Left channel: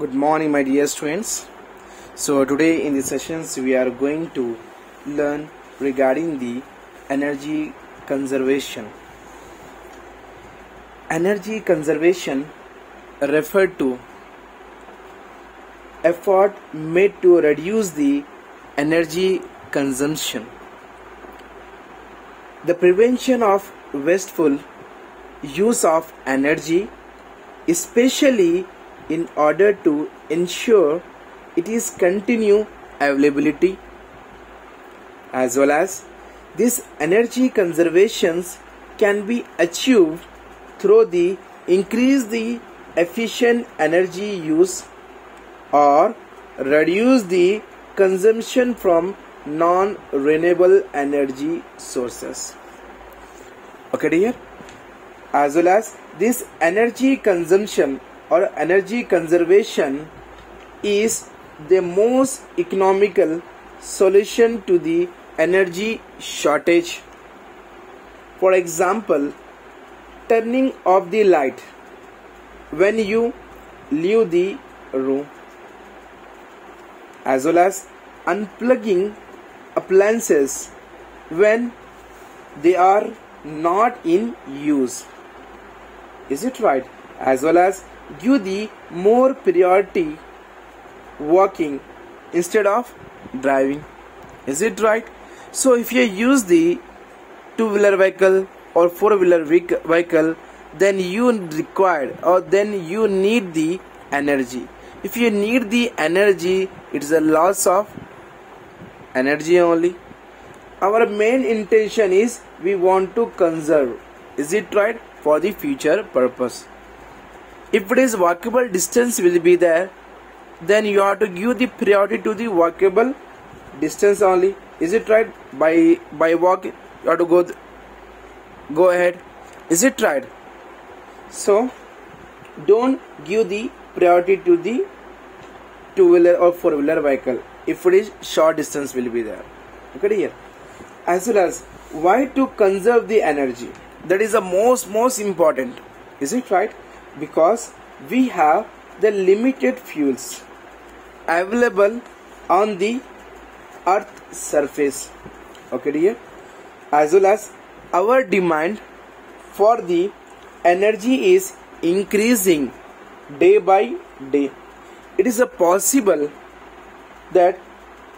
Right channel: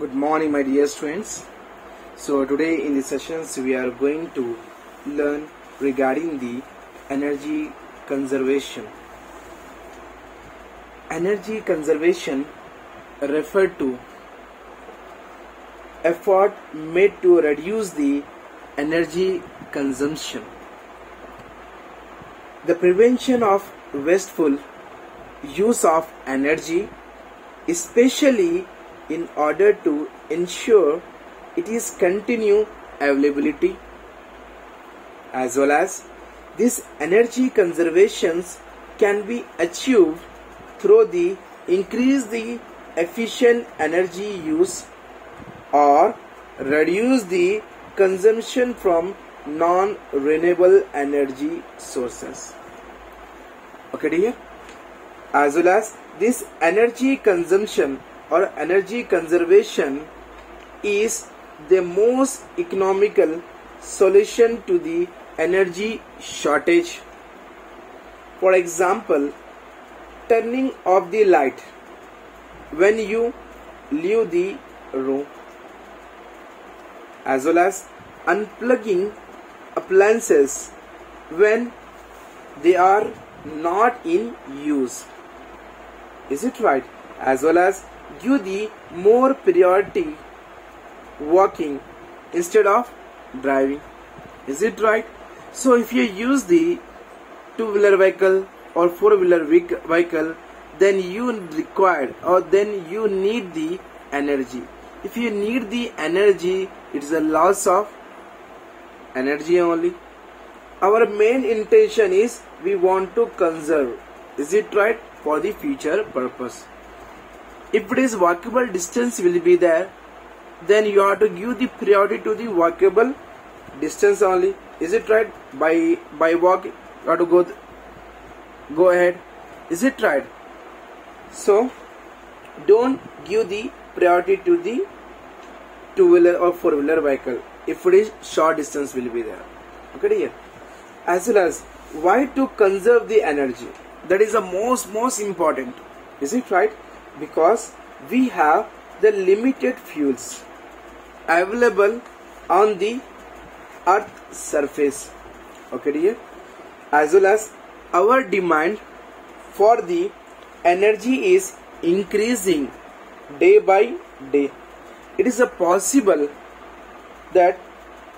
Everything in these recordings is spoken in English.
Good morning, my dear students. So today in the sessions we are going to learn regarding the energy conservation. Energy conservation referred to effort made to reduce the energy consumption. The prevention of wasteful use of energy, especially in order to ensure it is continue availability, as well as this energy conservations can be achieved through the increase the efficient energy use or reduce the consumption from non-renewable energy sources. Okay dear, as well as this energy consumption or energy conservation is the most economical solution to the energy shortage. For example, turning off the light when you leave the room, as well as unplugging appliances when they are not in use. Is it right? As well as give the more priority walking instead of driving. Is it right? So if you use the two-wheeler vehicle or four-wheeler vehicle, then you require or then you need the energy. If you need the energy, it's a loss of energy only. Our main intention is we want to conserve. Is it right? For the future purpose. If it is walkable distance will be there, then you have to give the priority to the walkable distance only. Is it right? By walk you have to go ahead. Is it right? So don't give the priority to the two-wheeler or four-wheeler vehicle if it is short distance will be there. Okay here. As well as why to conserve the energy, that is the most important. Is it right? Because we have the limited fuels available on the earth surface. Okay dear, as well as our demand for the energy is increasing day by day. It is possible that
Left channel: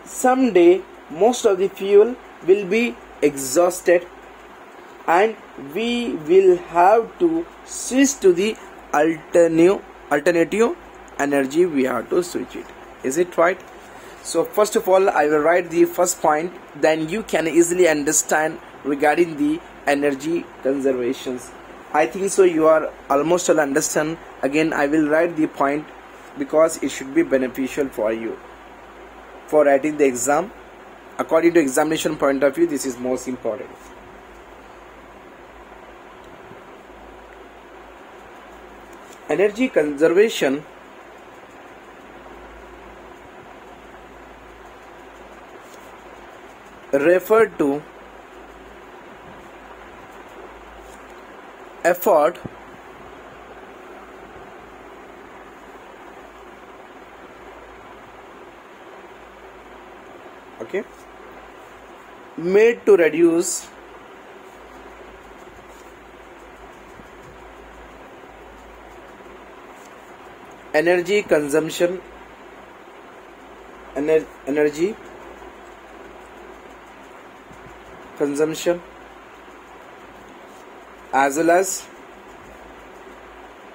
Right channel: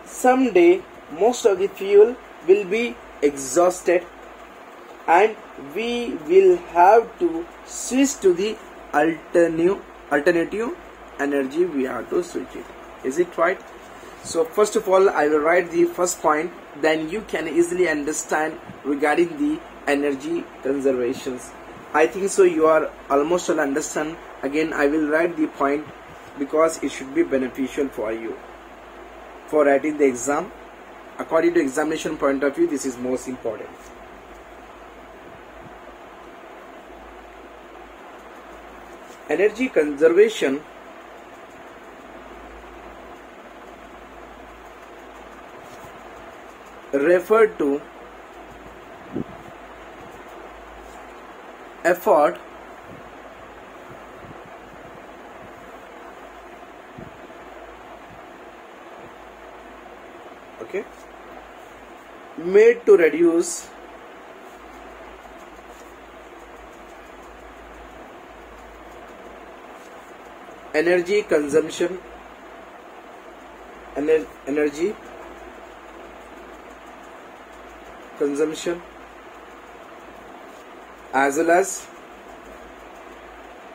someday most of the fuel will be exhausted and we will have to switch to the alternative energy. We have to switch it. Is it right? So first of all I will write the first point, then you can easily understand regarding the energy conservations. I think so you are almost all understand. Again I will write the point because it should be beneficial for you for writing the exam. According to examination point of view, this is most important. Energy conservation referred to effort made to reduce energy consumption, energy consumption, as well as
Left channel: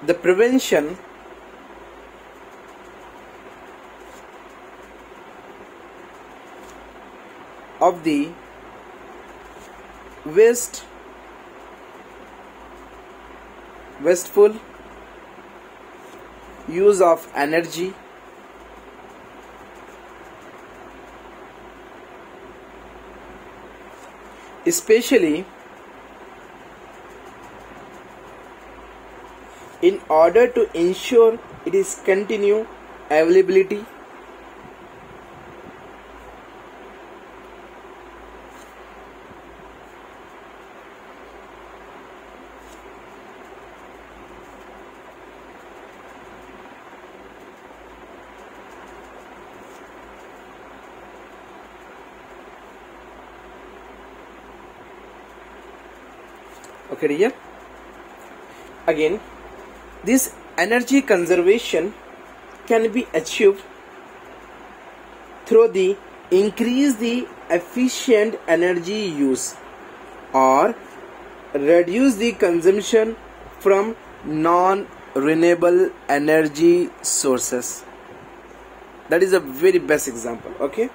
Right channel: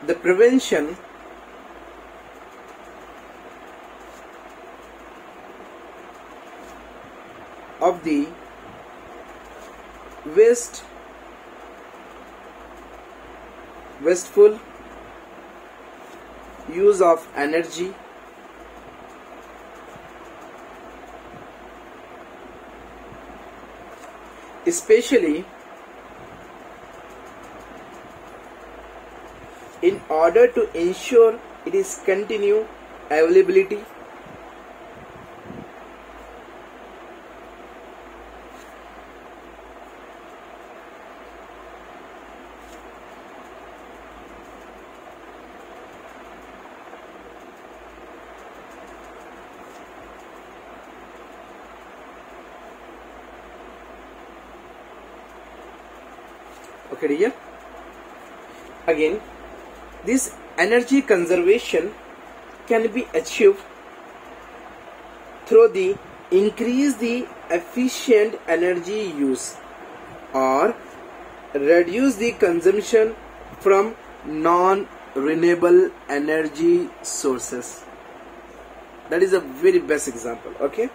the prevention of the wasteful use of energy, especially in order to ensure it is continue availability, Okay, dear. Again, this energy conservation can be achieved through the increase the efficient energy use or reduce the consumption from non-renewable energy sources. That is a very best example. Okay,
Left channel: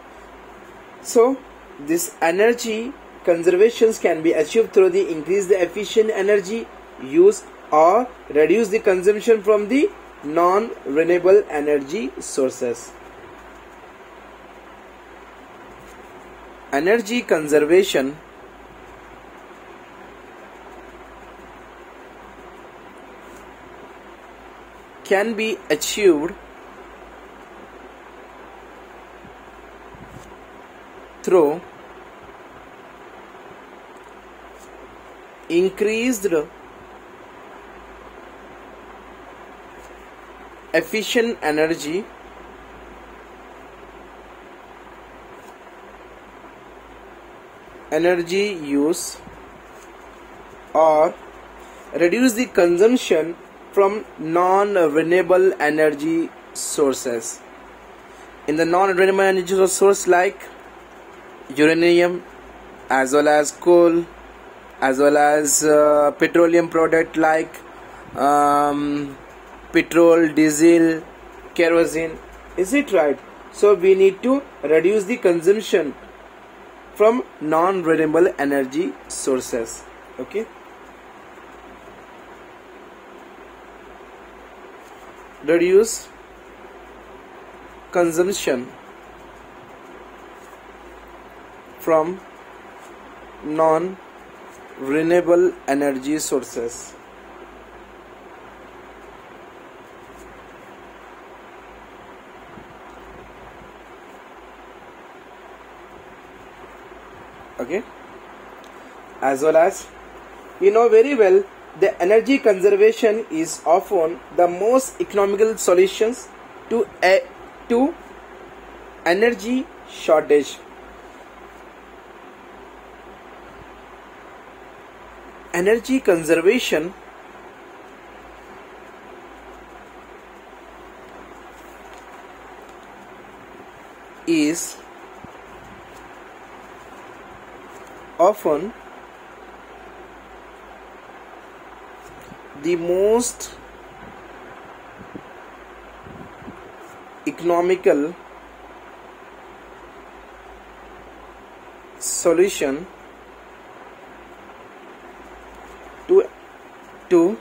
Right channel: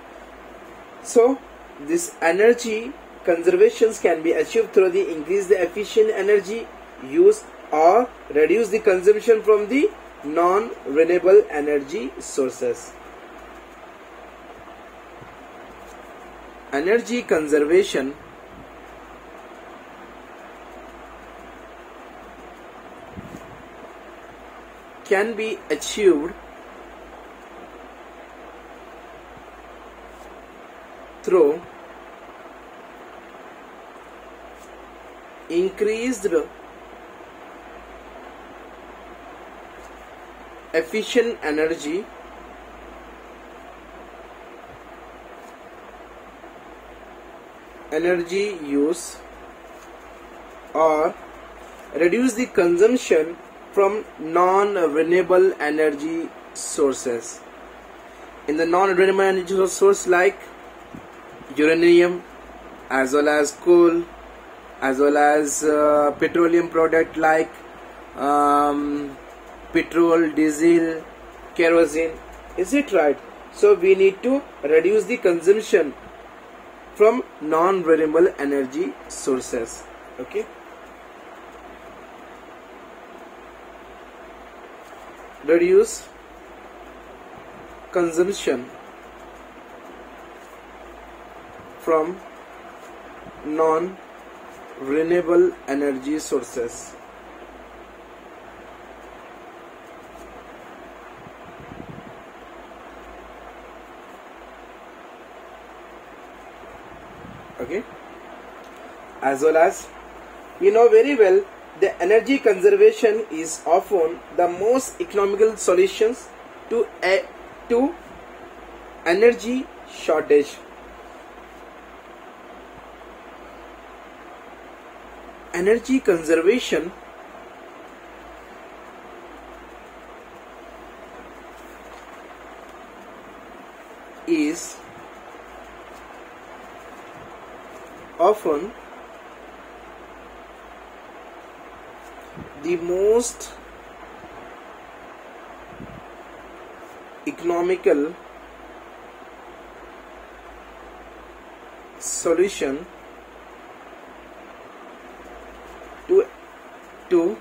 so this energy conservations can be achieved through the increase the efficient energy use or reduce the consumption from the non-renewable energy sources. Energy conservation can be achieved through increased efficient energy use or reduce the consumption from non-renewable energy sources. In the non-renewable energy source like uranium, as well as coal, as well as petroleum product like petrol, diesel, kerosene. Is it right? So we need to reduce the consumption from non-renewable energy sources. Okay, reduce consumption from non-renewable energy sources. Okay, as well as we know very well, the energy conservation is often the most economical solutions to energy shortage. Energy conservation is often the most economical solution to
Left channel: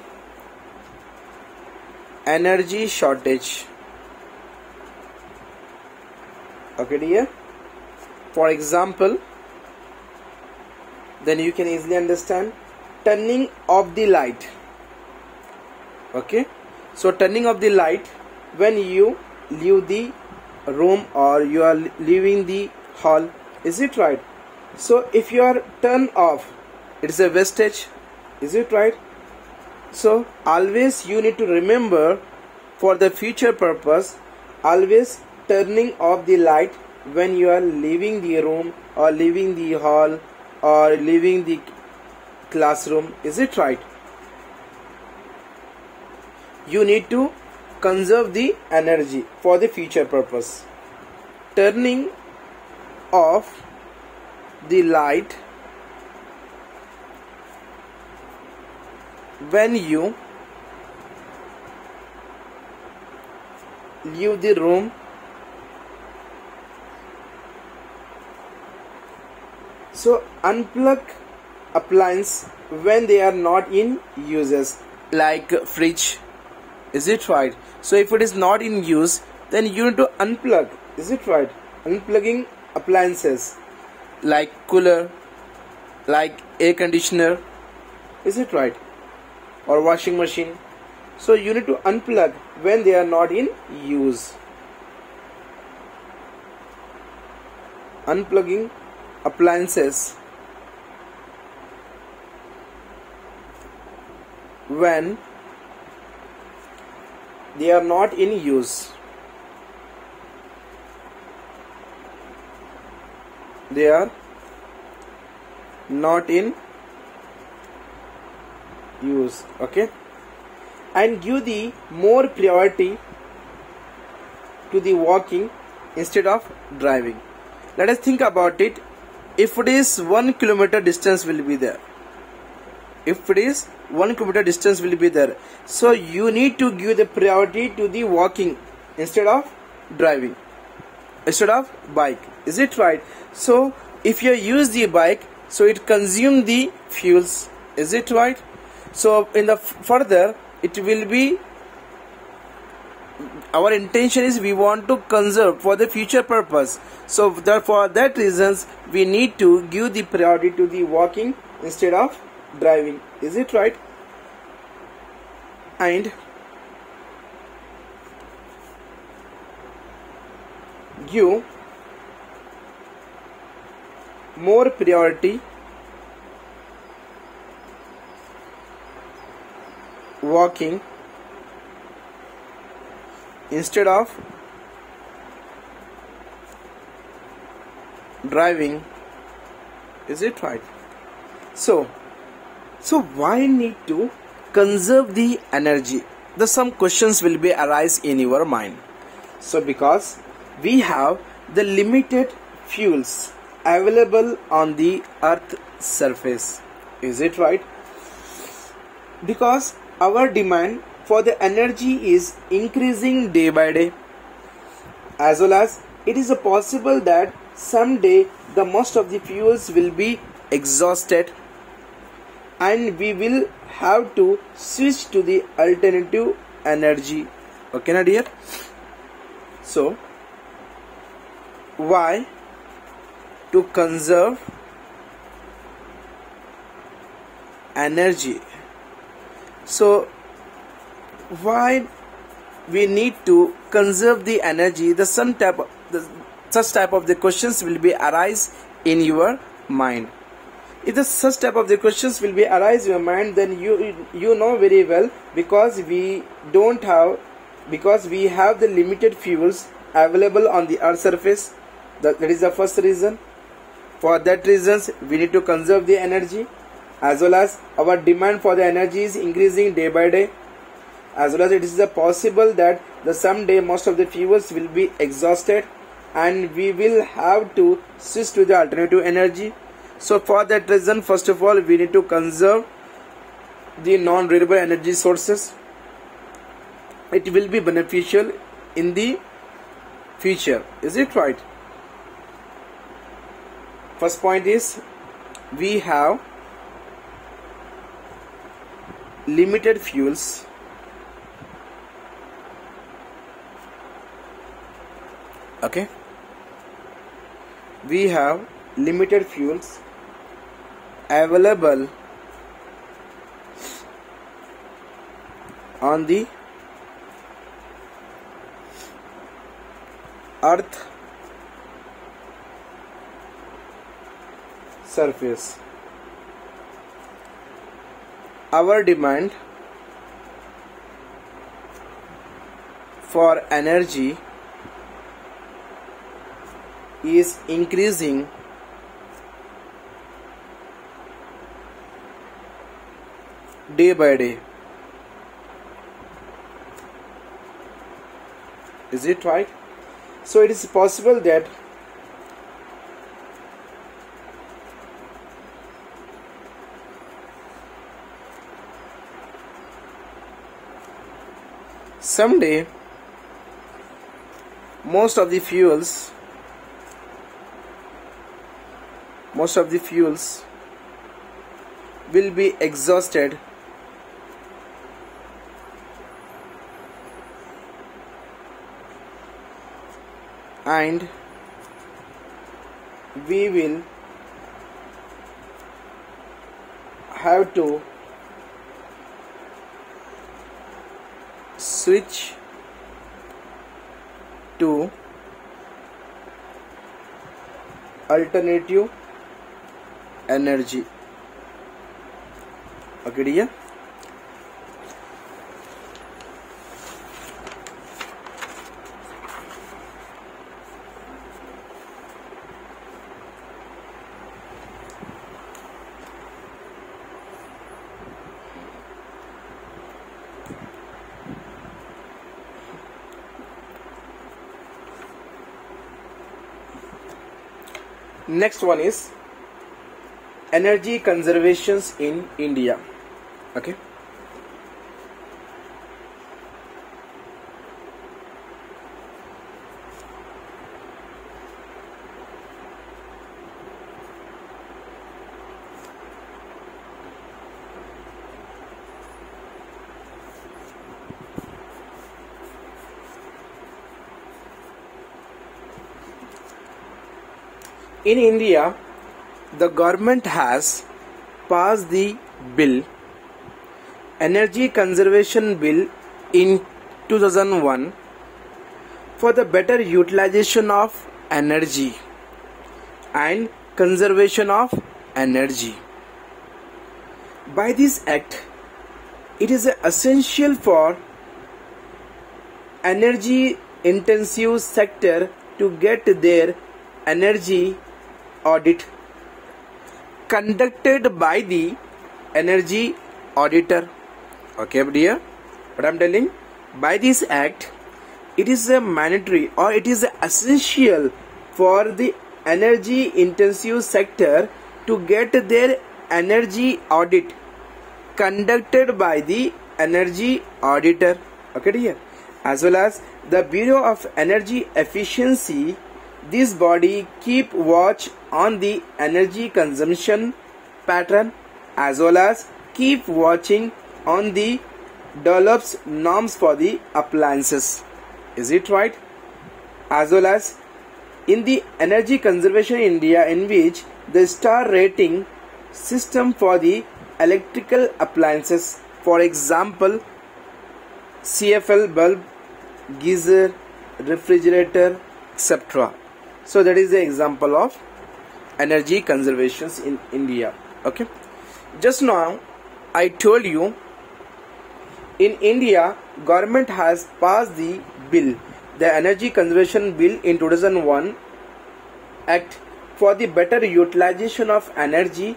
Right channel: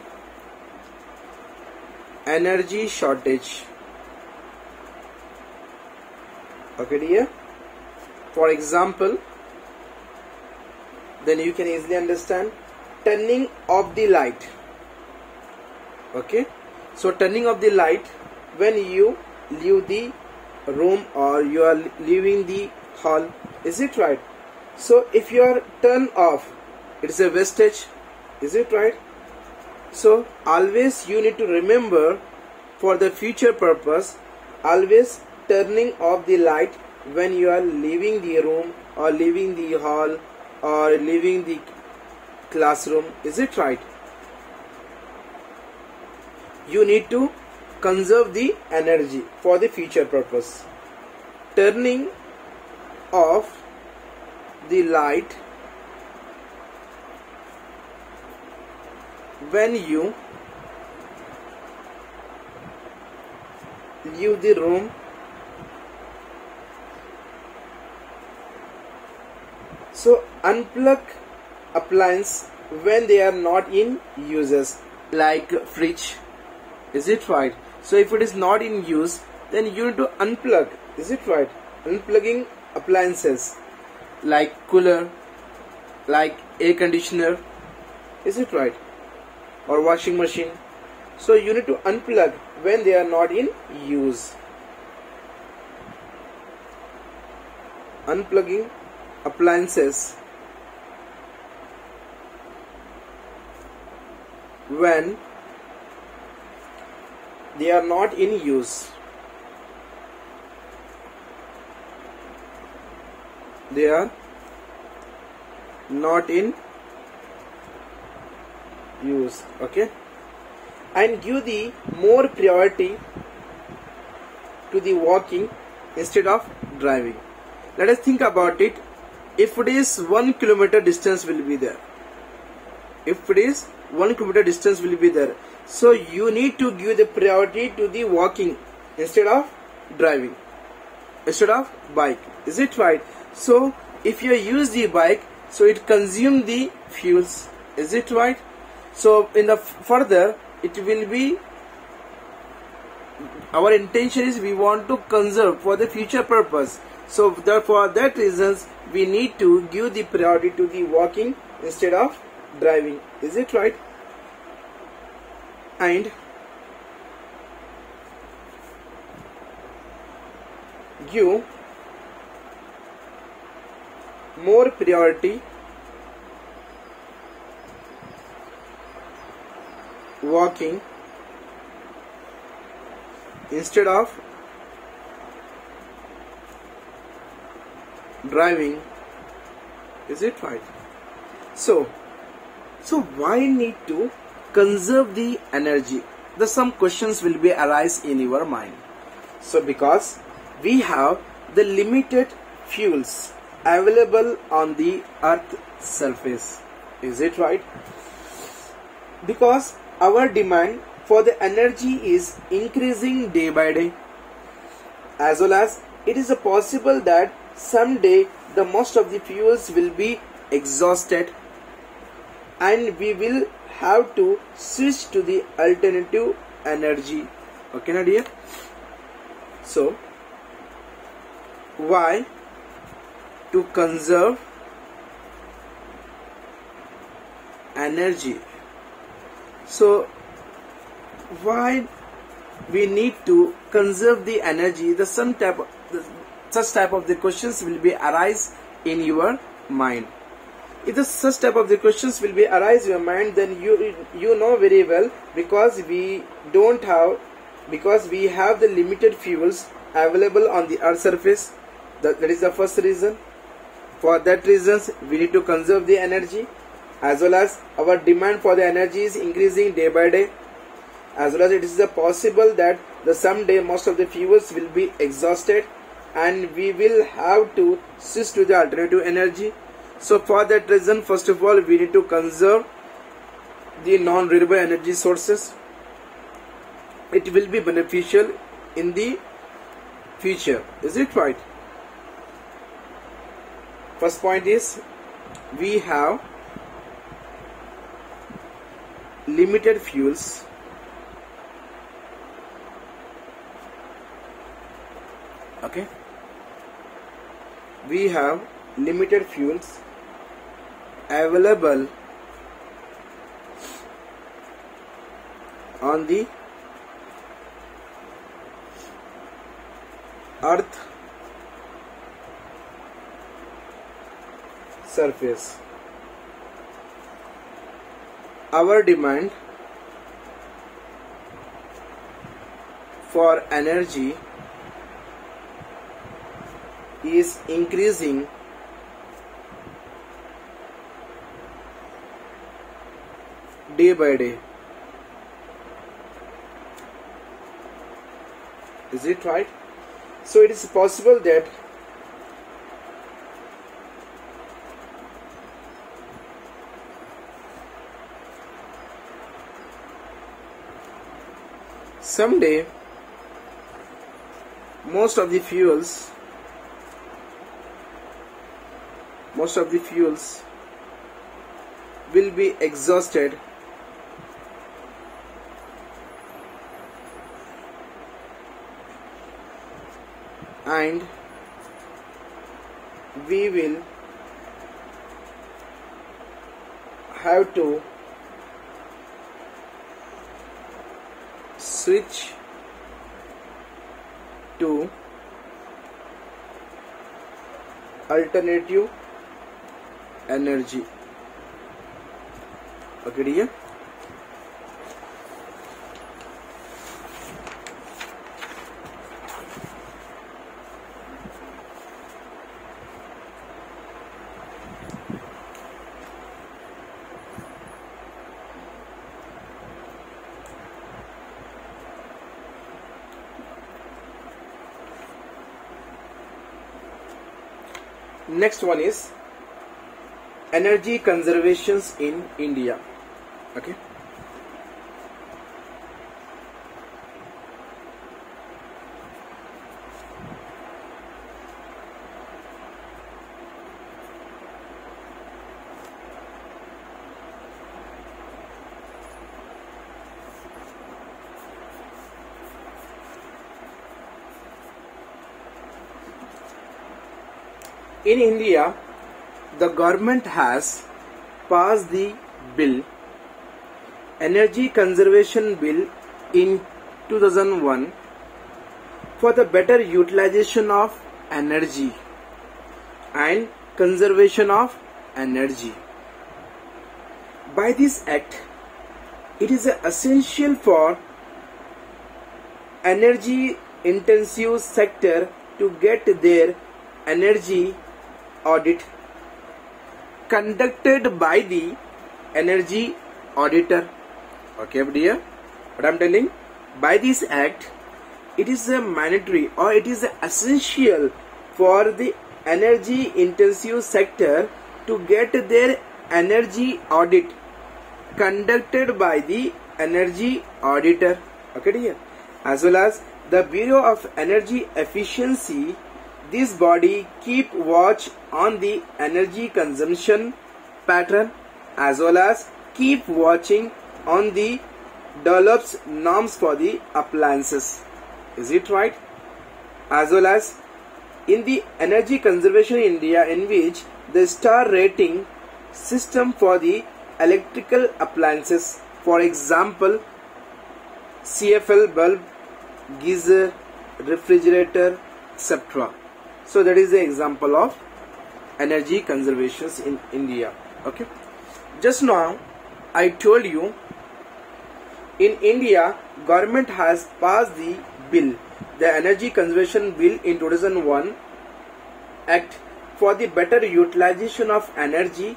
energy shortage. Okay, dear. For example, then you can easily understand turning off the light. Okay, so turning off the light when you leave the room or you are leaving the hall. Is it right? So if you are turned off, it is a wastage. Is it right? So always you need to remember, for the future purpose, always turning off the light when you are leaving the room or leaving the hall or leaving the classroom. Is it right? You need to conserve the energy for the future purpose. Turning off the light when you leave the room. So unplug appliance when they are not in uses, like fridge. Is it right? So if it is not in use, then you need to unplug. Is it right? Unplugging appliances like cooler, like air conditioner. Is it right? Or washing machine. So you need to unplug when they are not in use. Unplugging appliances when they are not in use. They are not in use. Okay, and give the more priority to the walking instead of driving. Let us think about it. If it is 1 kilometer distance will be there, if it is 1 kilometer distance will be there, so you need to give the priority to the walking instead of driving, instead of bike. Is it right? So if you use the bike, so it consume the fuels. Is it right? So in the further it will be, our intention is we want to conserve for the future purpose. So for that reasons we need to give the priority to the walking instead of driving. Is it right? And give more priority walking instead of driving. Is it right? So why need to conserve the energy? Some questions will be arise in your mind. So because we have the limited fuels available on the earth surface. Is it right? Because our demand for the energy is increasing day by day, as well as it is possible that someday the most of the fuels will be exhausted and we will have to switch to the alternative energy. Okay, na dear? So why to conserve energy? So why we need to conserve the energy? Such type of the questions will be arise in your mind. If such type of the questions will be arise in your mind, then you know very well, because we have the limited fuels available on the earth surface. That is the first reason. For that reasons we need to conserve the energy, as well as our demand for the energy is increasing day by day, as well as it is possible that someday most of the fuels will be exhausted and we will have to switch to the alternative energy. So for that reason, first of all, we need to conserve the non-renewable energy sources. It will be beneficial in the future. Is it right? First point is we have limited fuels okay, we have limited fuels available on the earth surface. Our demand for energy is increasing day by day. Is it right? So it is possible that someday most of the fuels will be exhausted and we will have to switch to alternative energy. Okay, dear? Next one is energy conservations in India. Okay. In India, the government has passed the bill, Energy Conservation Bill in 2001 for the better utilization of energy and conservation of energy. By this act, it is essential for energy intensive sector to get their energy audit conducted by the energy auditor. Okay, dear, what I'm telling, by this act, it is a mandatory or it is essential for the energy intensive sector to get their energy audit conducted by the energy auditor. Okay, dear, as well as the Bureau of Energy Efficiency. This body keep watch on the energy consumption pattern as well as keep watching on the develops norms for the appliances. Is it right? As well as in the energy conservation in India, in which the star rating system for the electrical appliances, for example CFL bulb, geyser, refrigerator, etc. So that is the example of energy conservations in India. Okay. Just now I told you, in India government has passed the bill, the Energy Conservation Bill in 2001 Act for the better utilization of energy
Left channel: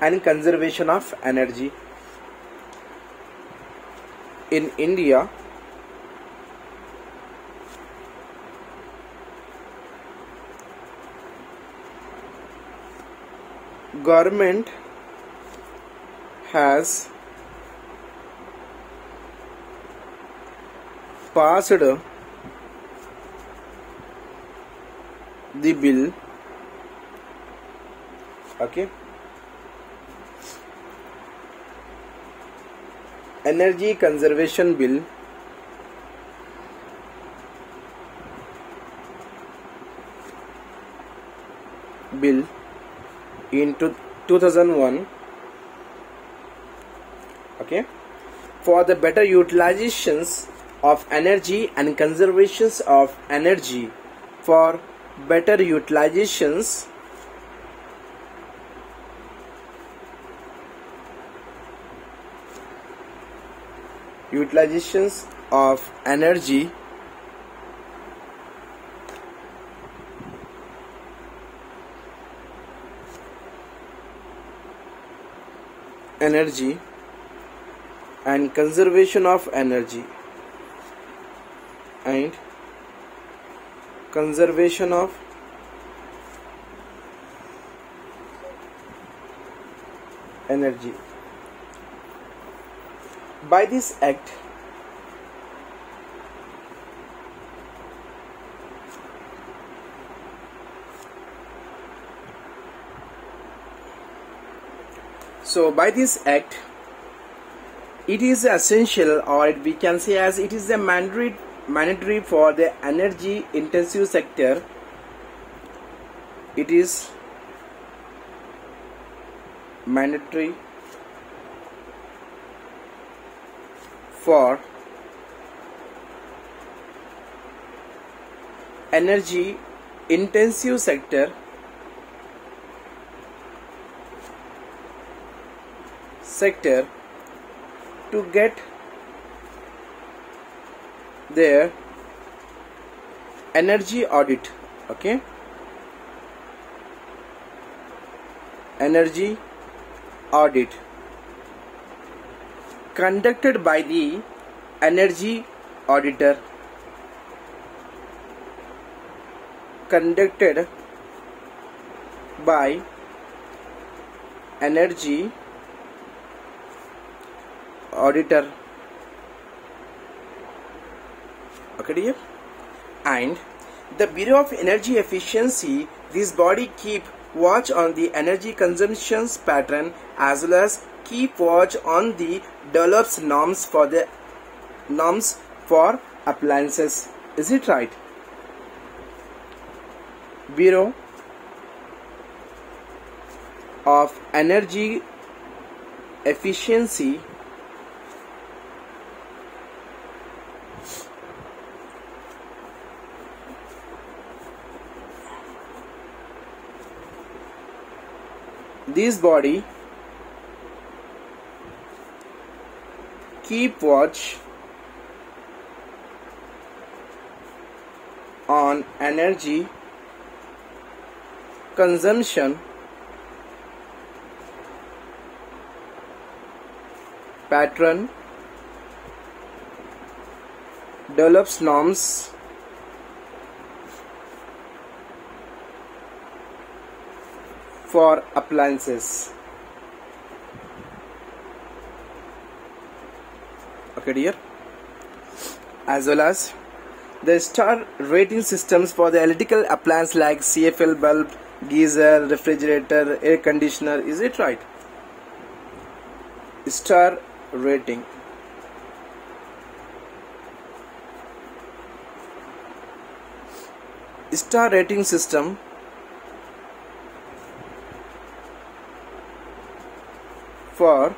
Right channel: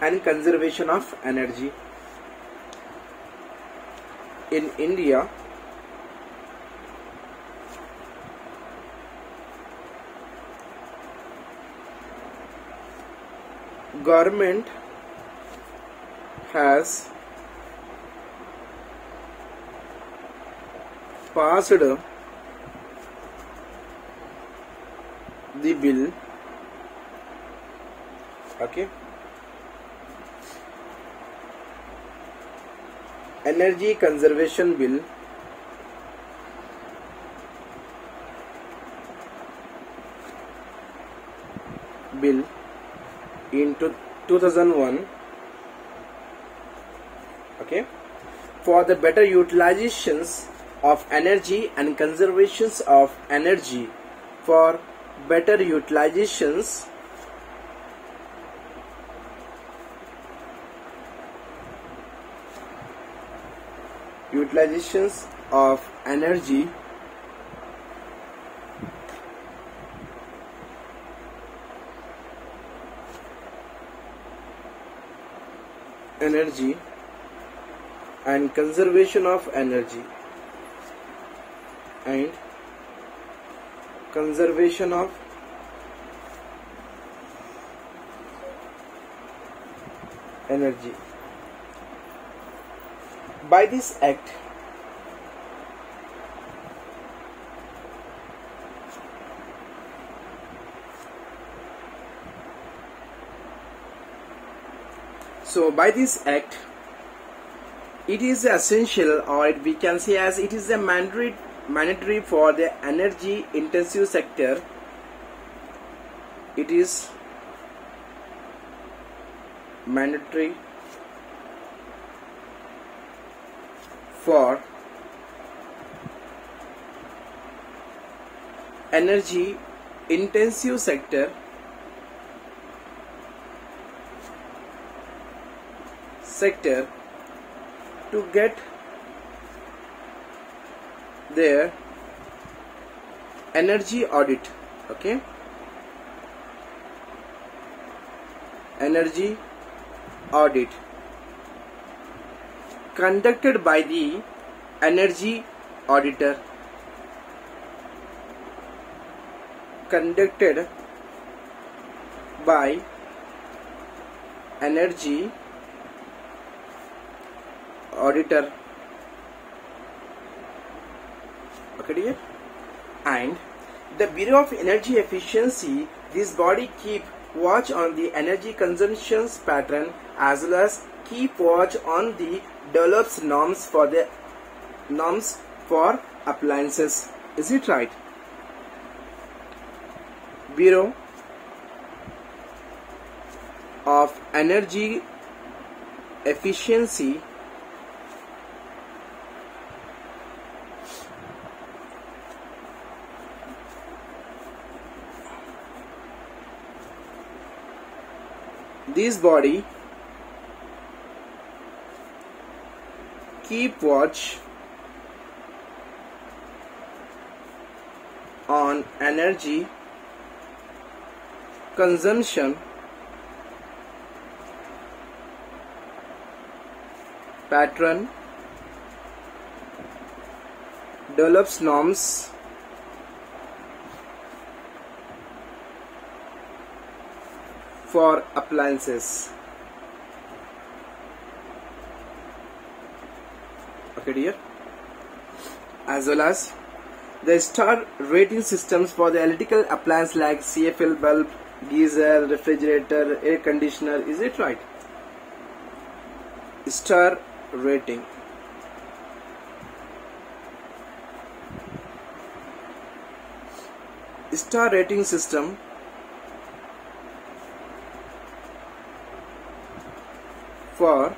and conservation of energy. In India, government has passed the bill, okay, Energy Conservation Bill in 2001, okay, for the better utilizations of energy and conservations of energy, for better utilizations of energy and conservation of energy and conservation of energy. By this act, it is essential, or we can say as it is a mandatory for the energy intensive sector. It is mandatory for energy intensive sector to get their energy audit, okay, energy audit conducted by the energy auditor, by energy auditor. Okay, dear? And the Bureau of Energy Efficiency, this body keep watch on the energy consumptions pattern as well as keep watch on the develops norms for appliances. Is it right? Bureau of Energy Efficiency this body keep watch on energy consumption pattern, develops norms for appliances. Okay, dear? As well as the star rating systems for the electrical appliance like CFL bulb, geyser, refrigerator, air conditioner. Is it right? Star rating. Star rating system for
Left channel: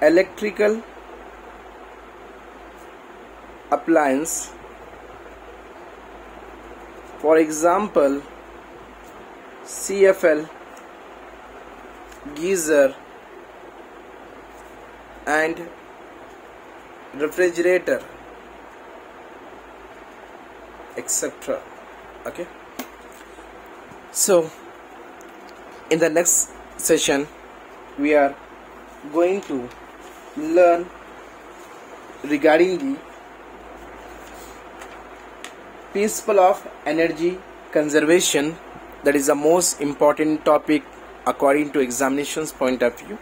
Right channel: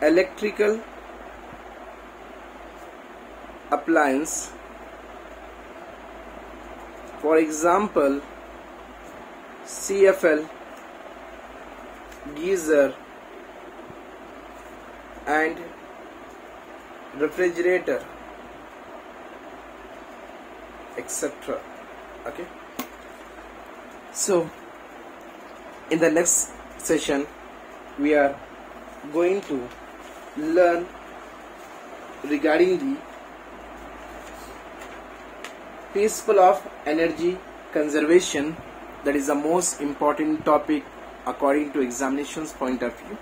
electrical appliance, for example CFL, geyser and refrigerator, etc. Okay, so in the next session we are going to learn regarding the principle of energy conservation. That is the most important topic according to examinations point of view.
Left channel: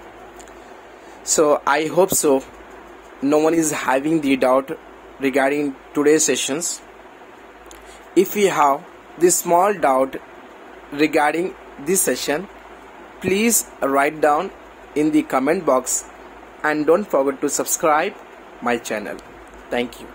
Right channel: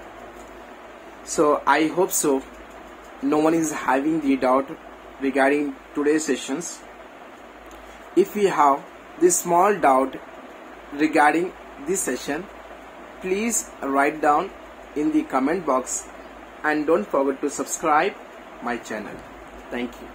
So I hope so no one is having the doubt regarding today's sessions. If you have this small doubt regarding this session, please write down in the comment box and don't forget to subscribe my channel. Thank you.